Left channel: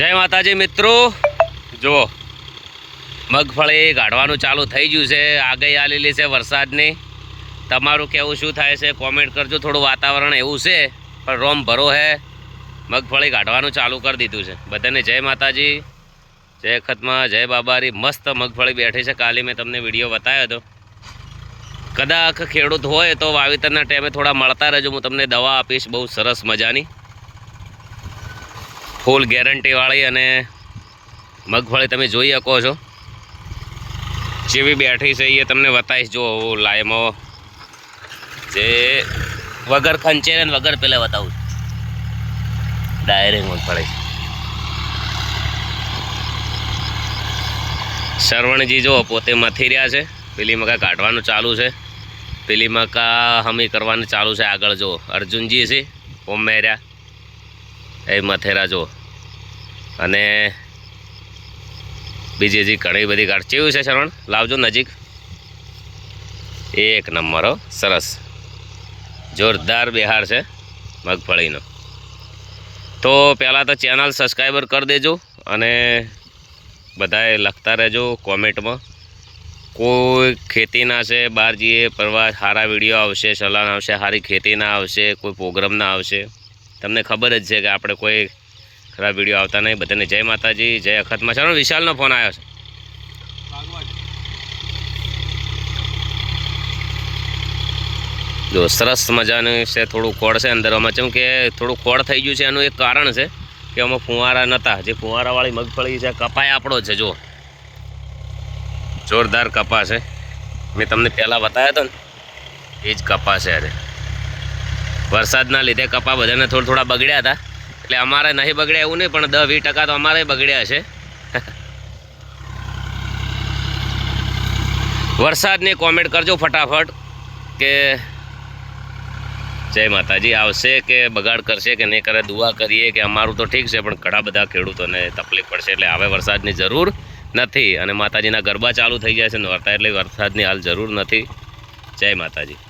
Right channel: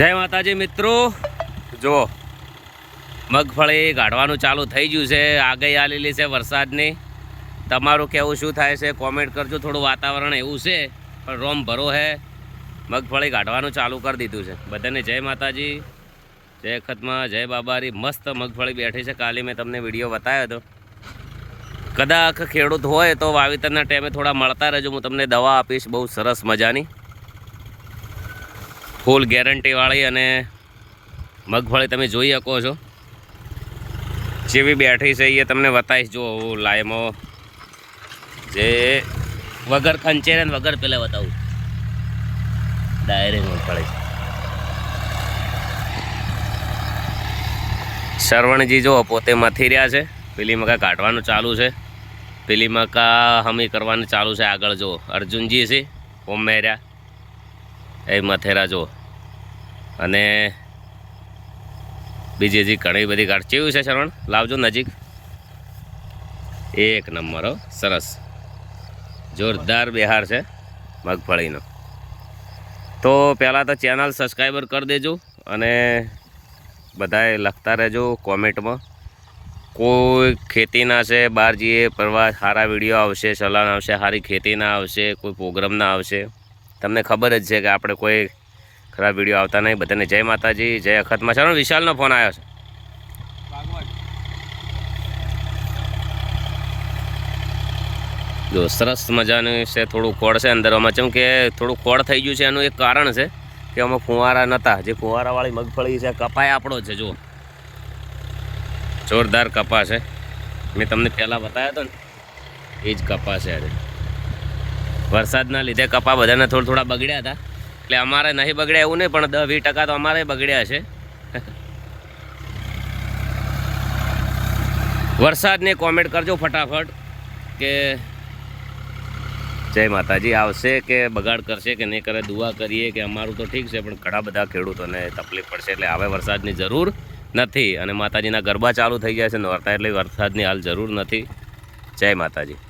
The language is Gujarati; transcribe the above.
જય માતાજી મિત્રો, જો મગફળી કાઢવાનું ચાલુ થઈ ગયું છે। આગાહી આલેલી છે વરસાદની। તમારું કેવું શું થાય છે કોમેન્ટ કરજો। થોડું વાતાવરણ એવું છે પણ રોમ ભરો હે, મગફળી કાઢવાનું ચાલુ કરી દીધું છે। બધાને જય માતાજી, જય ખતમાં, જય બાબારી। મસ્ત મગફળી બેઠી છે। કાલે મેં તમને વિડીયો બતાવ્યો હતો। કદાચ ખેડૂત હોય તો વાવેતરના ટાઈમે થોડા મળતા રહેજો, હું તમને દવા આપીશ બહુ સરસ મજાની, ફૂલ ગેરંટીવાળી। અને મગફળી તમે જોઈ શકો છો જેવી બેઠી છે એ તમને બતાવીશ। જો લાઈમાં જે વગર ખંચે ને વગર પેલે બતાવું ડાયરેક્ટ મગફળી। શરવણજી જો પોતે મથી રહ્યા છે। પેલી મકા કાઢવાનું ચાલુ છે, પેલી મકા હમી કરવાનું ચાલુ છે। આગળ જો અર્જુનજી છે ઓમેર્યા એ મથેરા જો, અને બીજી હજી ઘણી બધી કાઢ કેવું છે શરવણ લાવજો નજીક। એક નંબર હો, સરસ જોરદાર બિહાર છે મગફળીનો। તો પહેલાં તો ચેનલ સબસ્ક્રાઈબર કરી દેજો અને બધાએ લખતા રહેજો કોમેન્ટમાં। કોઈ ખેતીના છે બહાર જઈએ ફરવા, સારા વિડીયો આવશે, સલાહ આવશે, સારી ખેતીના આવશે, કોઈ પ્રોગ્રામના આવશે। તમને ખબર જ છે કે આપણે કોઈ ખરાબ વિડીયો આવતા નહીં। બધાને જય માતાજી, જય અખતમાં। ચાલો વિશાલનો ફોન આવ્યો છે। જો સરસ મજાનું છે, થોડું ખોળ છે અંદરમાં, જેમ કે થોડું ખોળ થઈ ગયું છે એનું એક કારણ છે કે આમાં ફુવારા નહોતા। જે ફુવારાવાળી મગફળી છે કપાય આપણો છે, જો જોરદાર કપા છે। મેં તમને પહેલાં બતાવ્યો હતો ને એ જ કપા છે। અરે વરસાદના લીધે કપા બધાને થોડા બગડ્યા હતા, એટલે અમારે નહીં બગડ્યા એવું નહીં, પણ 10-20% તો અમારે બગડ્યા છે। વરસાદની કોમેન્ટ કરજો ફટાફટ કે જય માતાજી આવશે કે બગાડ કરશે કે નહીં કરે। દુઆ કરીએ કે અમારું તો ઠીક છે પણ ઘણા બધા ખેડૂતોને તકલીફ પડશે, એટલે હવે વરસાદની જરૂર નથી। અને માતાજીના ગરબા ચાલુ થઈ ગયા છે નોરતા, એટલે વરસાદની હાલ જરૂર નથી। જય માતાજી।